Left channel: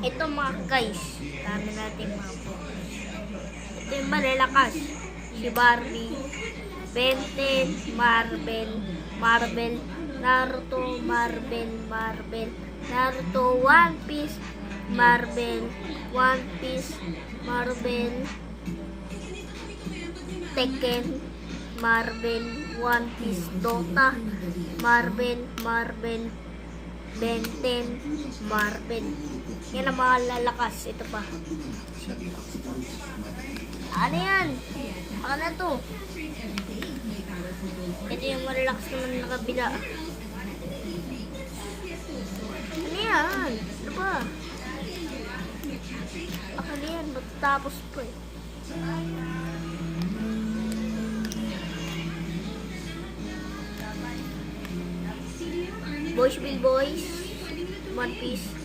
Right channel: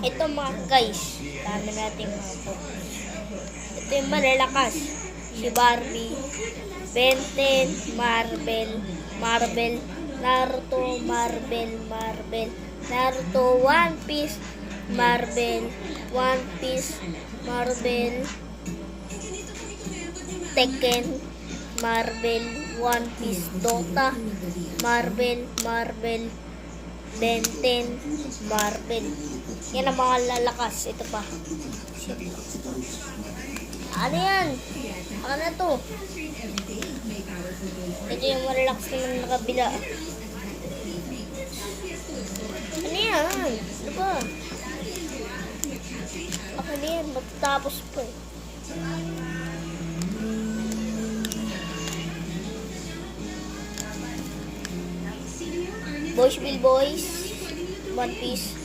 Ito mga guys, dami natin mga focus. Ito yung malalakas. Si Barbie, Ben 10, Marvel, Naruto, Naruto, One Piece, Marvel, Tekken, Marvel, One Piece, Dota, Marvel, Ben 10, Marvel. Yan ang mga lalakas. Ito pa. Ano yan? Ano na to? Ito yung relax naman na kabila. Ano yan? Ano ba? Ano yan? Magtapos pa eh. Boys will boys. One Piece.